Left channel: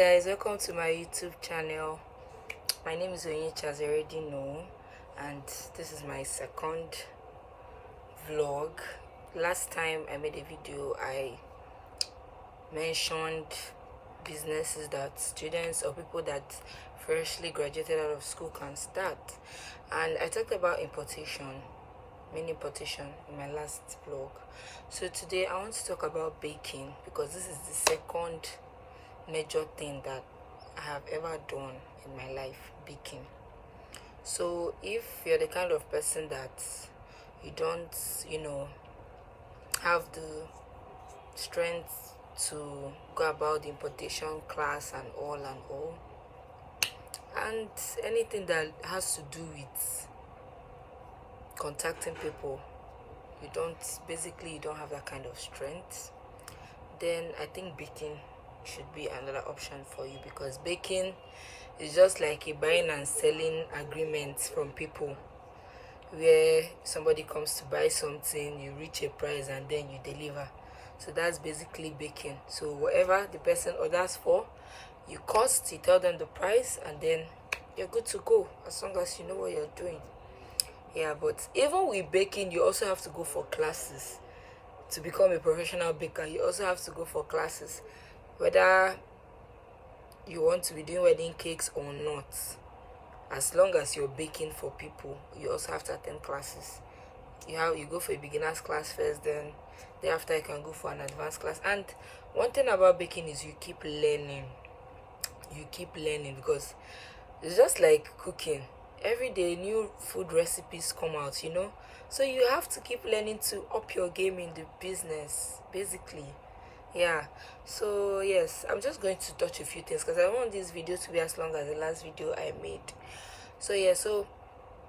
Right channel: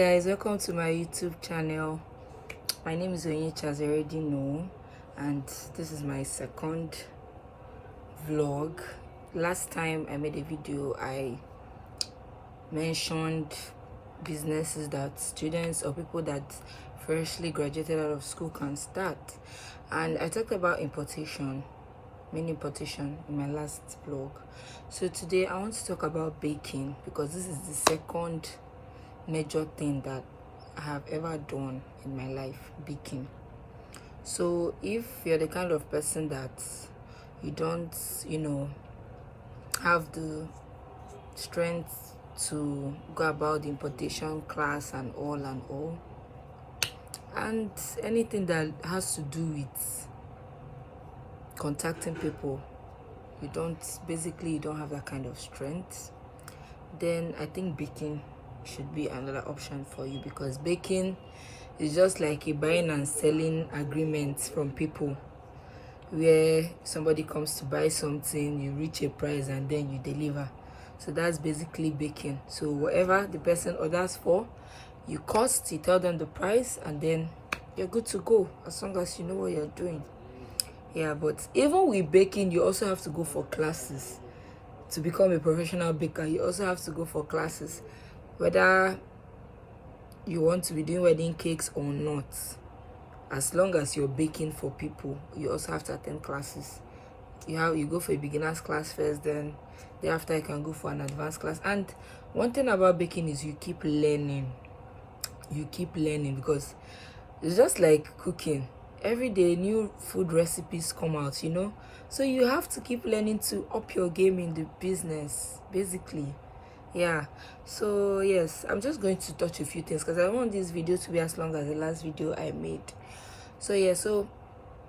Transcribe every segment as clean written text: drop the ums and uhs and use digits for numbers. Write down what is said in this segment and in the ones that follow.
guys, welcome to my YouTube channel. My name is Onyinyechi, as you already know, and this is my second vlog. Last time I made a video, I mentioned businesses that students or people that freshly graduated out of school can start, and I talked about importation, mini importation, in my last vlog. So today I want to talk about baking, because this is the second major thing that I have ever done in my life, baking. So if you're the kind of person that you don't have the strength to go about the importation class and all, and anything that has to do with contacting people, you don't have that kind of strength, then I think baking should be another option for you, because baking is just like a buying and selling agreement from people, where somebody comes to buy something, you reach a price and then you deliver. So that's basically baking. So whatever the person orders for, you cost, you tell them the price, and then you're good to go, as long as you know what you're doing. Yeah, but even with baking, you also have to go for classes. To become a professional baker, you also have to go for classes, whether you want to be doing wedding cakes or not. As long as you're baking for people, you also have to attend classes. You go for a beginner's class first, then thereafter you can go for an advanced class. And one thing about baking is you keep learning, because it's just like cooking. Every day new food recipes come out, so you have to keep learning to up your game in the business, basically. Yeah, so yes, I'm just going to touch a few things, because I don't want this video to be as long as the last video I made. So yeah,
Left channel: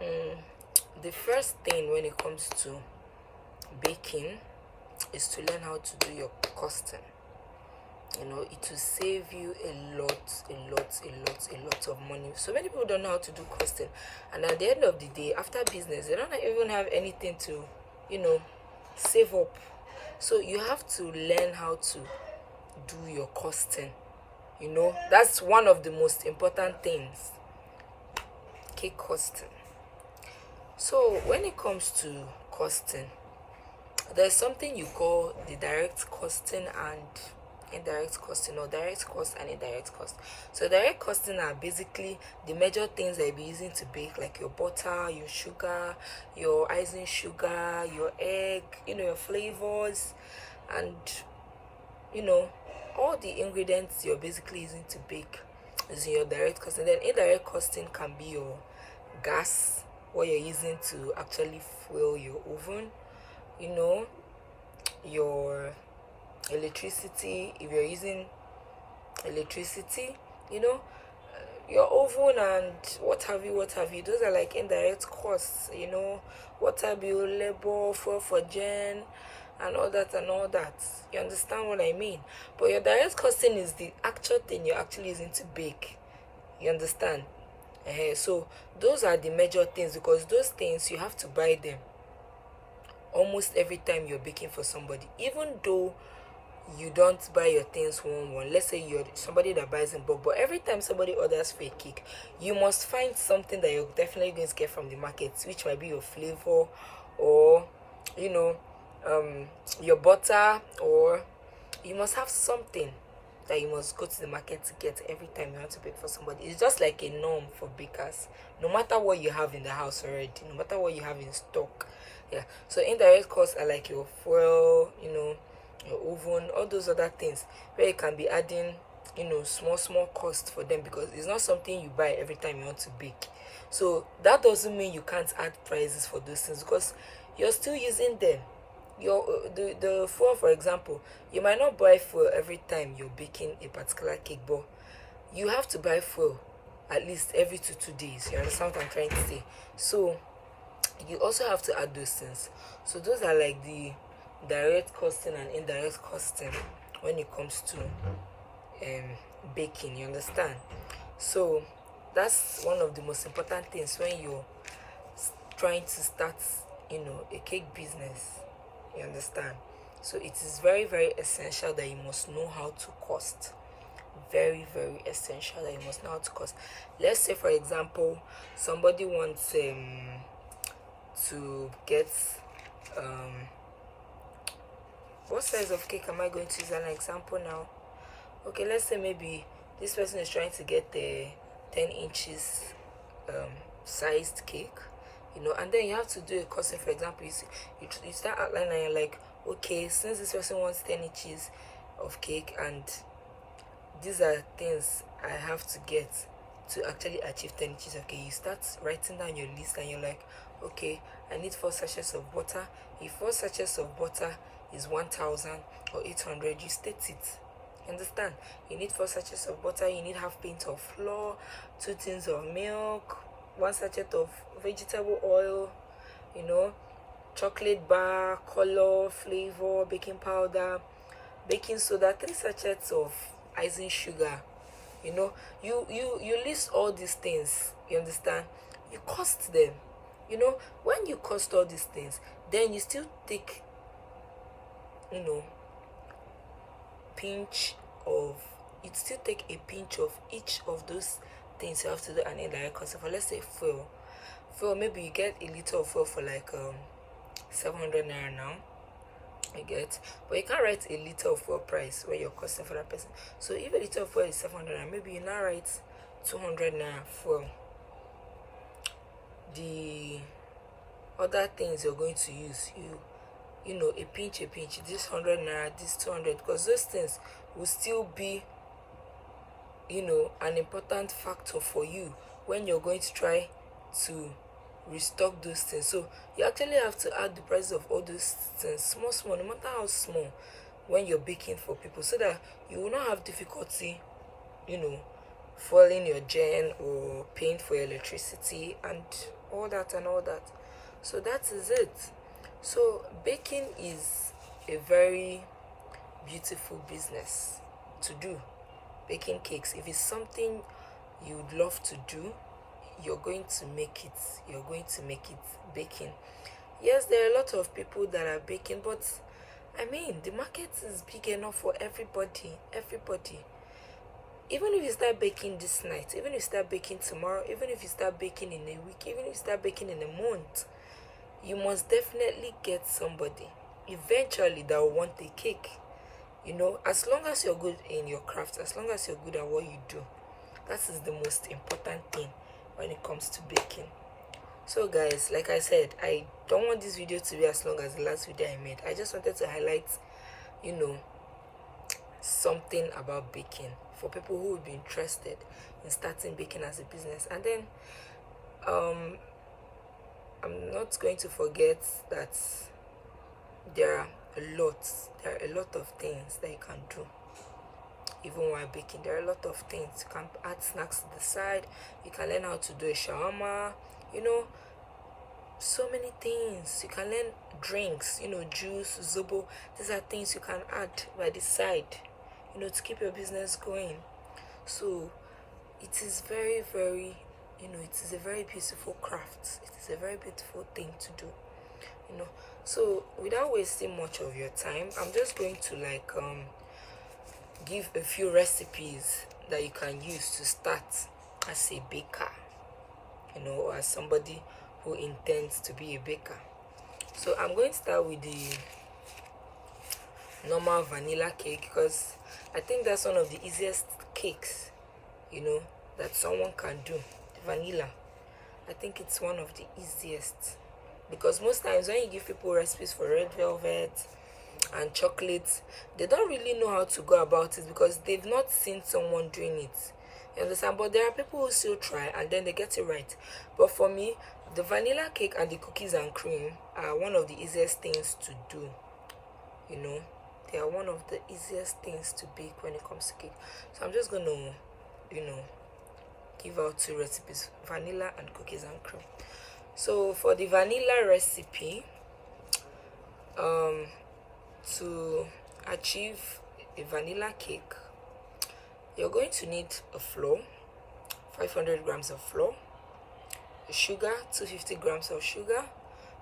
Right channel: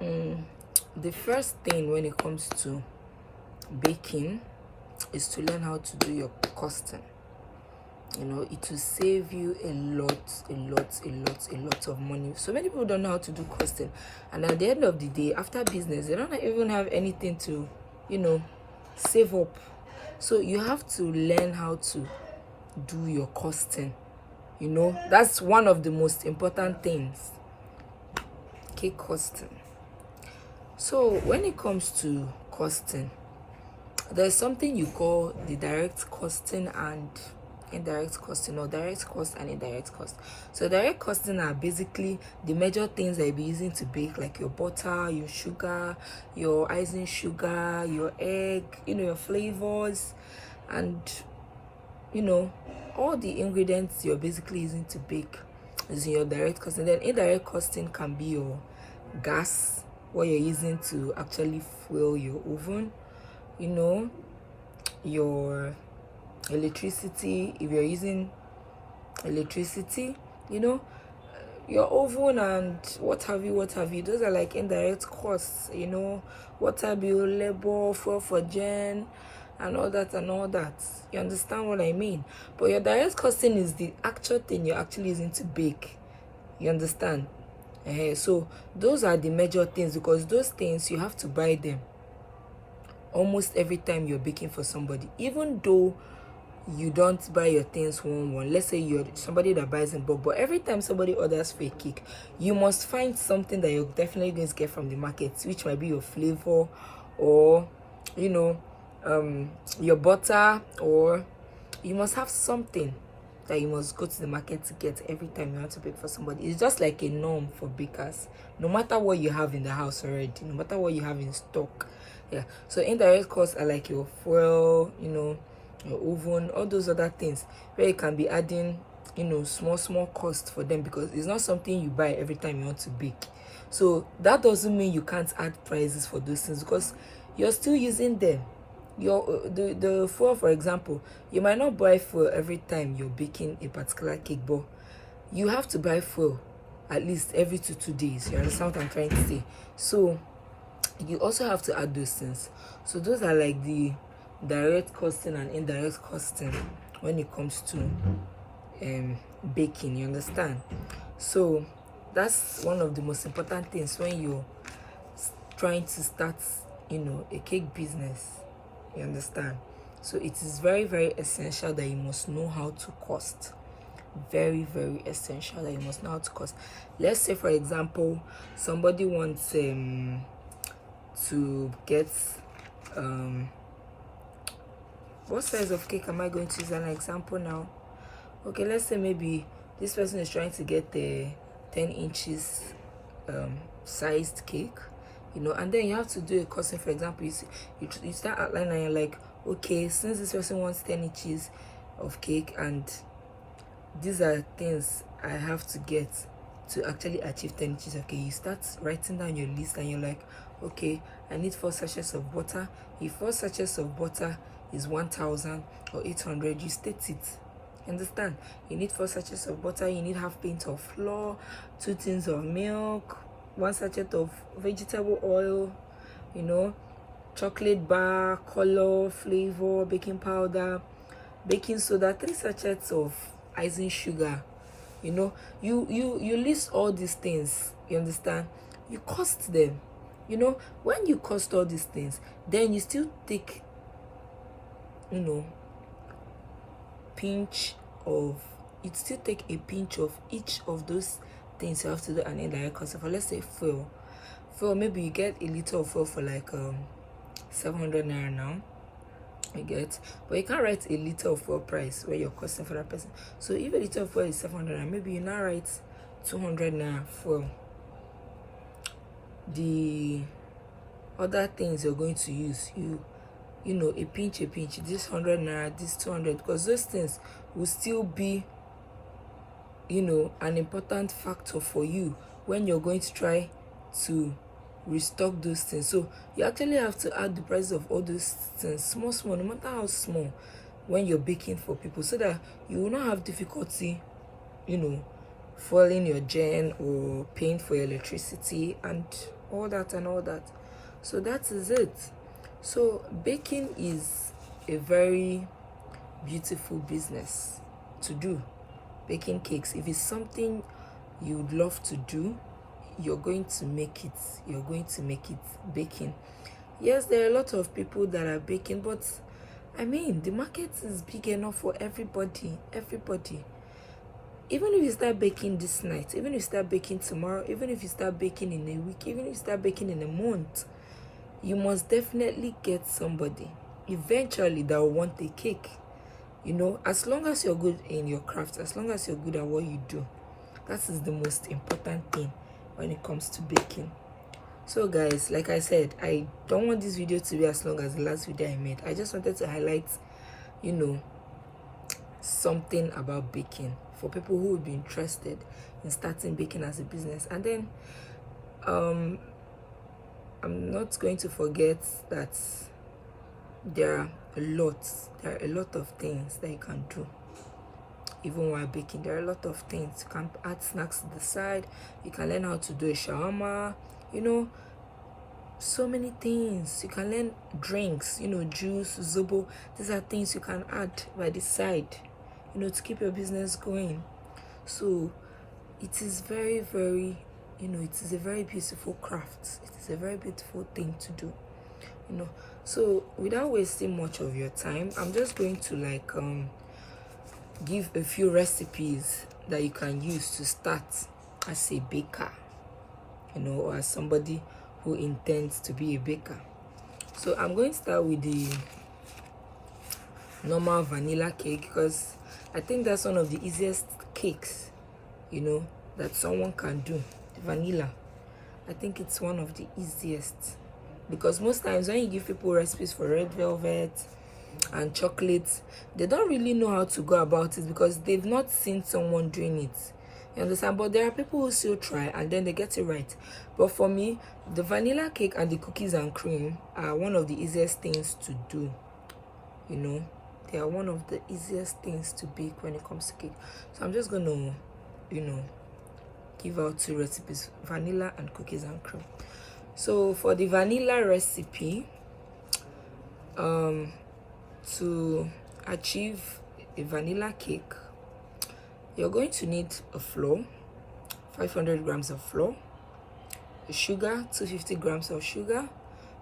the first thing when it comes to baking is to learn how to do your costing. It will save you a lot of money. So many people don't know how to do costing, and at the end of the day, after business, they don't even have anything to save up. So you have to learn how to do your costing. That's one of the most important things. Cake costing. So when it comes to costing, there's something you call the direct costing and indirect costing, or direct cost and indirect cost. So direct costing are basically the major things that you'll be using to bake, like your butter, your sugar, your icing sugar, your egg, your flavors, and all the ingredients you're basically using to bake is in your direct costing. Then indirect costing can be your gas, what you're using to actually fuel your oven, your electricity, if you're using electricity, your oven, and what have you. Those are like indirect costs, water bill, labor, fuel for gen, and all that. You understand what I mean? But your direct costing is the actual thing you're actually using to bake. You understand? So those are the major things, because those things you have to buy them almost every time you're baking for somebody. Even though you don't buy your things one, let's say you're somebody that buys in bulk, but every time somebody orders for a cake, you must find something that you're definitely going to get from the market, which might be your flavor, or your butter, or you must have something that you must go to the market to get every time you want to bake for somebody. It's just like a norm for bakers, no matter what you have in the house already, no matter what you have in stock. Yeah, so indirect costs are like your fuel, your oven, all those other things, where you can be adding small cost for them, because it's not something you buy every time you want to bake. So that doesn't mean you can't add prices for those things, because you're still using them. The fuel, for example, you might not buy fuel every time you're baking a particular cake, but you have to buy fuel at least every 2 days. You understand what I'm trying to say? So you also have to add those things. So those are like the direct costing and indirect costing when it comes to baking. You understand? So that's one of the most important things when you're trying to start a cake business. You understand? So it is very, very essential that you must know how to cost. very very essential that you must know how to cost. Let's say for example somebody wants to get what size of cake am I going to use an example now? Okay, let's say maybe this person is trying to get the 10 inches sized cake, you know, and then you have to do a costing. For example, you start outlining and you're like, okay, since this person wants 10 inches of cake and these are things I have to get to actually achieve 10 inches. Okay, you start writing down your list and you're like, okay, I need 4 sachets of butter. If 4 sachets of butter is 1,000 or 800, you state it. Understand? You need 4 sachets of butter, you need half pint of flour, 2 tins of milk, 1 sachet of vegetable oil, you know, chocolate bar, color, flavor, baking powder, baking soda, 3 sachets of icing sugar. You know, you list all these things. You understand? You cost them. You know, when you cost all these things, then you still take, you know, you still take a pinch of each of those things you have to do an indirect cost. For let's say fuel, maybe you get a liter of fuel for like 700 naira now, you get, but you can't write a liter of fuel price where you're costing for that person. So if a liter of fuel is 700 naira, maybe you now write 200 naira fuel. The other things you're going to use, you know, a pinch, this 100 naira, this 200, because those things will still be, you know, an important factor for you when you're going to try to restock those things. So you actually have to add the prices of all those things small, no matter how small, when you're baking for people, so that you will not have difficulty, you know, fueling your gen or paying for your electricity and all that. So that is it. So baking is a very beautiful business to do. Baking cakes, if it's something you'd love to do, you're going to make it. Baking, yes, there are a lot of people that are baking, but I mean, the market is big enough for everybody. Even if you start baking this night, even if you start baking tomorrow, even if you start baking in a week, even if you start baking in a month, you must definitely get somebody eventually that will want a cake. You know, as long as you're good in your craft, as long as you're good at what you do, that is the most important thing when it comes to baking. So guys, like I said, I don't want this video to be as long as the last video I made. I just wanted to highlight, you know, something about baking for people who would be interested in starting baking as a business. And then I'm not going to forget that there are a lot of things that you can do even while baking. There are a lot of things. You can add snacks to the side, you can learn how to do a shawarma, you know, so many things. You can learn drinks, you know, juice, zobo. These are things you can add by the side, you know, to keep your business going. So it is very, very, you know, it is a very beautiful craft. It is a very beautiful thing to do, you know. So without wasting much of your time, I'm just going to like give a few recipes that you can use to start as a baker, you know, or as somebody who intends to be a baker. So I'm going to start with the normal vanilla cake, because I think that's one of the easiest cakes, you know, that someone can do. The vanilla, I think it's one of the easiest, because most times when you give people recipes for red velvet and chocolate, they don't really know how to go about it because they've not seen someone doing it. You understand? But there are people who still try and then they get it right. But for me, the vanilla cake and the cookies and cream are one of the easiest things to do. You know, they are one of the easiest things to bake when it comes to cake. So I'm just gonna, you know, give out 2 recipes: vanilla and cookies and cream. So for the vanilla recipe, to achieve a vanilla cake, you're going to need a flour, 500 grams of flour, sugar, 250 grams of sugar,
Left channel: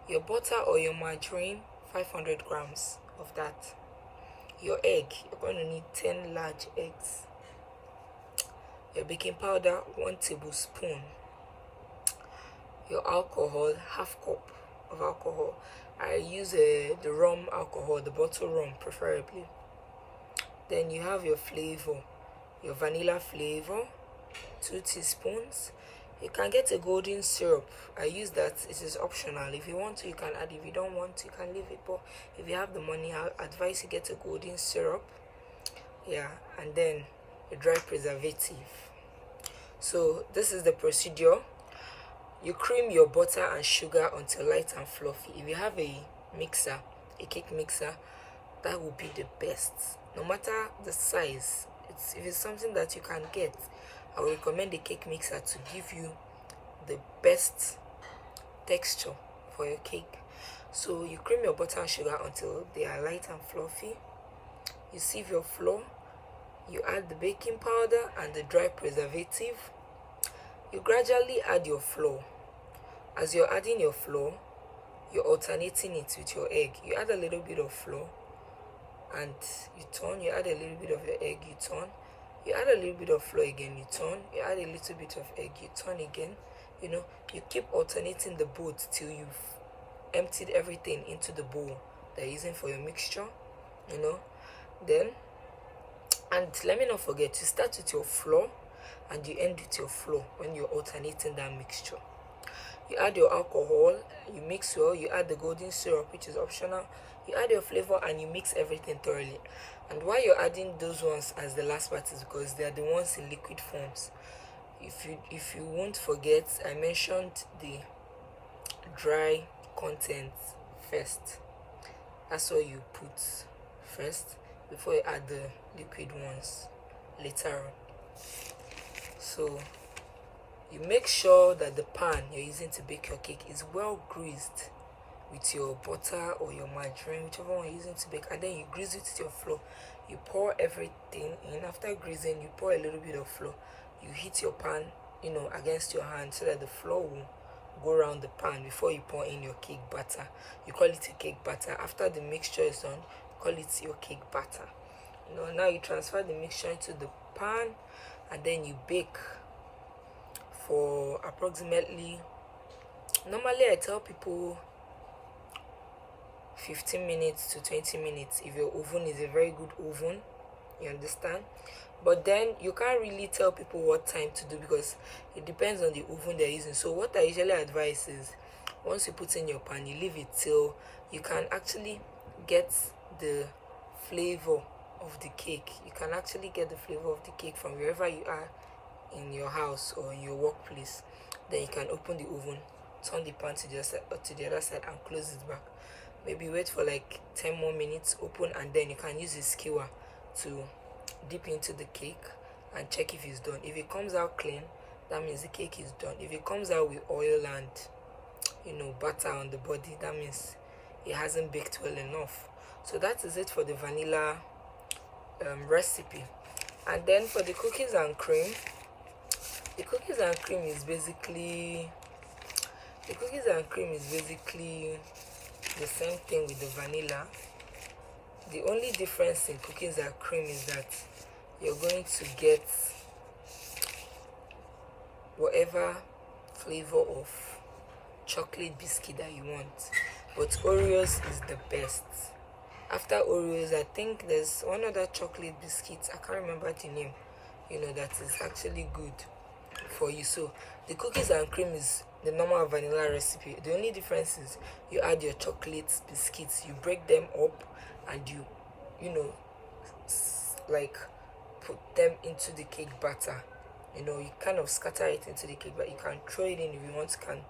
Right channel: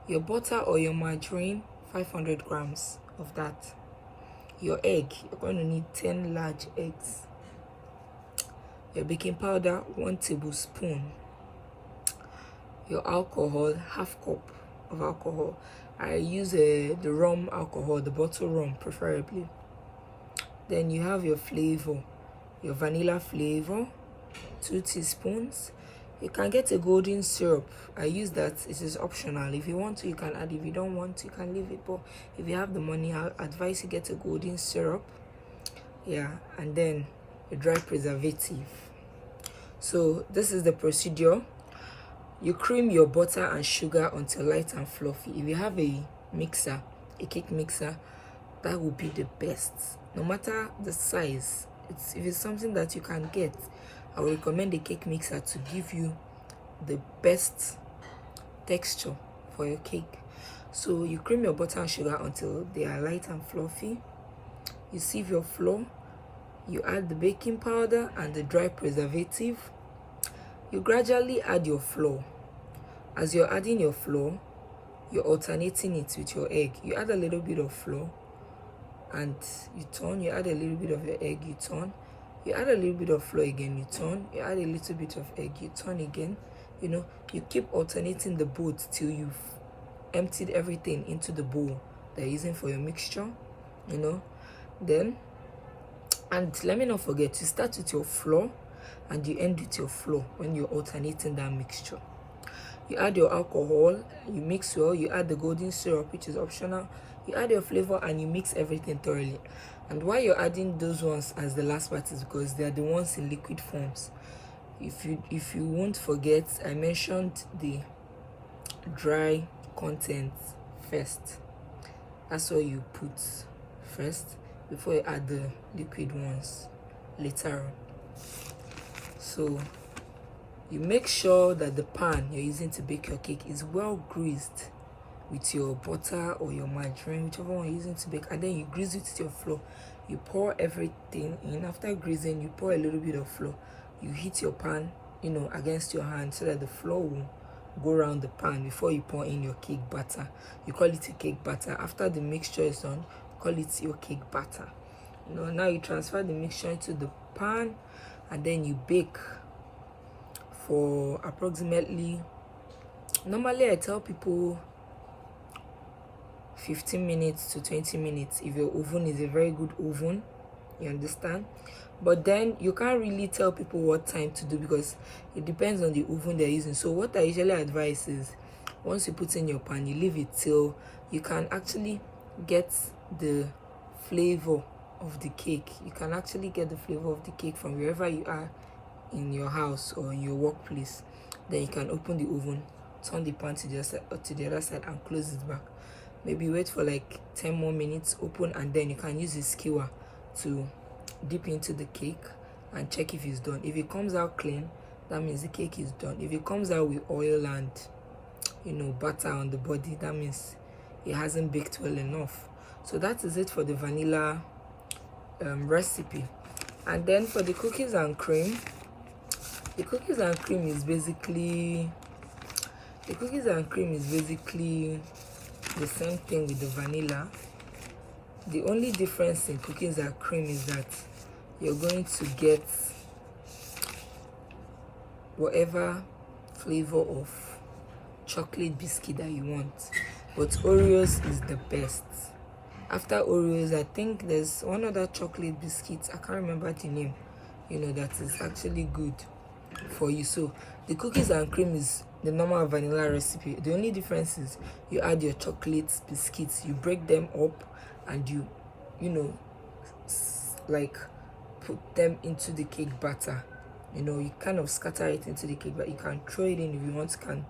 your butter or your margarine, 500 grams of that, your egg, you're going to need 10 large eggs, your baking powder 1 tablespoon, your alcohol half cup of alcohol. I use the rum alcohol, the bottle rum preferably. Then you have your flavor, your vanilla flavor 2 teaspoons. You can get a golden syrup. I use that. It is optional. If you want to, you can add. If you don't want to, you can leave it. But if you have the money, I advise you get a golden syrup. Yeah, and then a dry preservative. So this is the procedure. You cream your butter and sugar until light and fluffy. If you have a mixer, a cake mixer, that will be the best. No matter the size, if it's something that you can get, I would recommend a cake mixer to give you the best texture for your cake. So you cream your butter and sugar until they are light and fluffy. You sieve your flour. You add the baking powder and the dry preservative. You gradually add your flour. As you're adding your flour, you're alternating it with your egg. You add a little bit of flour and you turn. You add a little bit of your egg, you turn. You add a little bit of flour again, you turn. You add a little bit of egg, you turn again. You know, you keep alternating the both till you've emptied everything into the bowl that you're using for your mixture, you know. Then, and let me not forget, you start with your flour and you end with your flour when you're alternating that mixture. You add your alcohol, you mix well, you add the golden syrup, which is optional. You add your flavor and you mix everything thoroughly. And why you're adding those ones as the last part is because they're the ones in liquid forms. If you won't forget, I mentioned the dry content first. That's what you put first before you add the liquid ones later on. So you make sure that the pan you're using to bake your cake is well greased with your butter or your margarine, whichever one you're using to bake, and then you grease it with your flour. You pour everything in. After greasing, you pour a little bit of flour. You heat your pan, you know, against your hand so that the flour will go around the pan before you pour in your cake batter. You call it a cake batter. After the mixture is done, call it your cake batter. You know, now you transfer the mixture into the pan and then you bake for approximately, normally I tell people 15 minutes to 20 minutes if your oven is a very good oven, you understand. But then you can't really tell people what time to do because it depends on the oven they're using. So what I usually advise is once you put in your pan, you leave it till you can actually get the flavor of the cake. You can actually get the flavor of the cake from wherever you are in your house or in your workplace. Then you can open the oven, turn the pan to the other side and close it back. Maybe wait for like 10 more minutes, open, and then you can use a skewer to dip into the cake and check if it's done. If it comes out clean, that means the cake is done. If it comes out with oil and, you know, butter on the body, that means it hasn't baked well enough. So that is it for the vanilla recipe. And then for the cookies and cream, the cookies and cream is basically the same thing with the vanilla. The only difference in cookies and cream is that you're going to get whatever flavor of chocolate biscuit that you want, but Oreos is the best. After Oreos, I think there's one other chocolate biscuit, I can't remember the name, you know, that is actually good for you. So the cookies and cream is the normal vanilla recipe. The only difference is you add your chocolate biscuits, you break them up and you know, like put them into the cake batter. You know, you kind of scatter it into the cake, but you can throw it in if you want. You can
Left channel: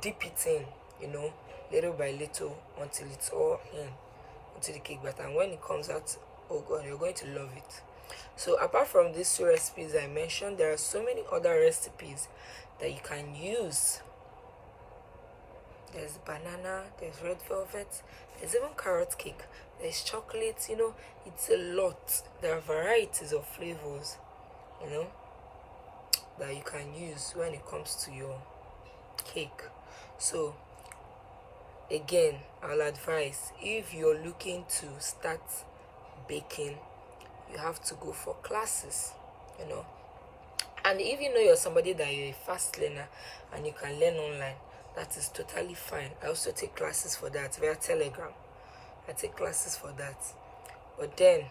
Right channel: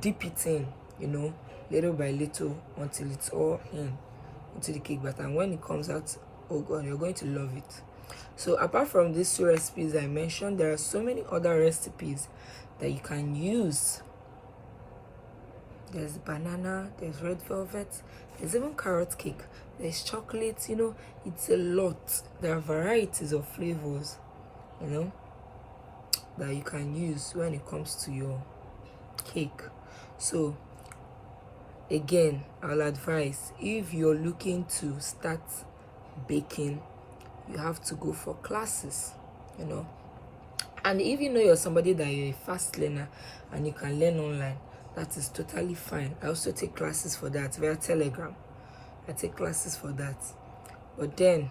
dip it in, you know, little by little until it's all into the cake batter. And when it comes out, oh god, you're going to love it. So apart from these two recipes I mentioned, there are so many other recipes that you can use. There's banana, there's red velvet, there's even carrot cake, there's chocolate, you know, it's a lot. There are varieties of flavors, you know, that you can use when it comes to your cake. So again, I'll advise, if you're looking to start baking, you have to go for classes, you know. And if you know you're somebody that you're a fast learner and you can learn online, that is totally fine. I also take classes for that via Telegram. I take classes for that. But then,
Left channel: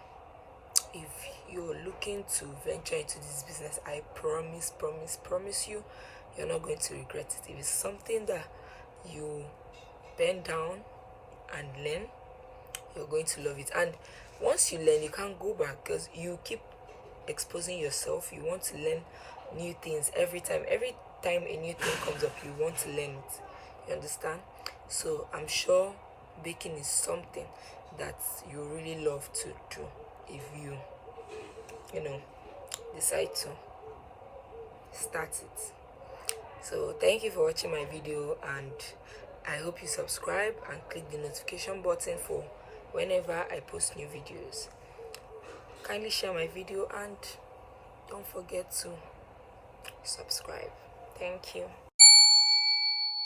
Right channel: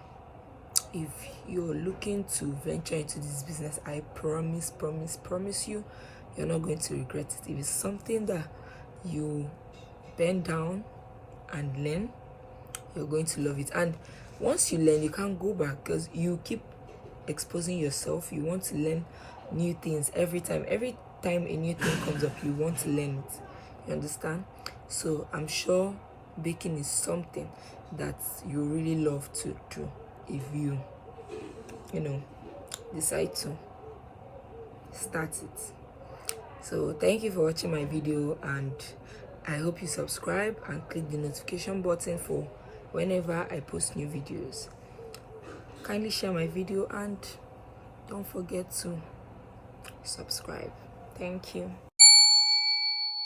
if you're looking to venture into this business, I promise you, you're not going to regret it. If it's something that you bend down and learn, you're going to love it. And once you learn, you can't go back, because you keep exposing yourself. You want to learn new things every time a new thing comes up, you want to learn it. You understand? So I'm sure baking is something that you really love to do if you decide to start it. So thank you for watching my video, and I hope you subscribe and click the notification button for whenever I post new videos. Kindly share my video and don't forget to subscribe. Thank you.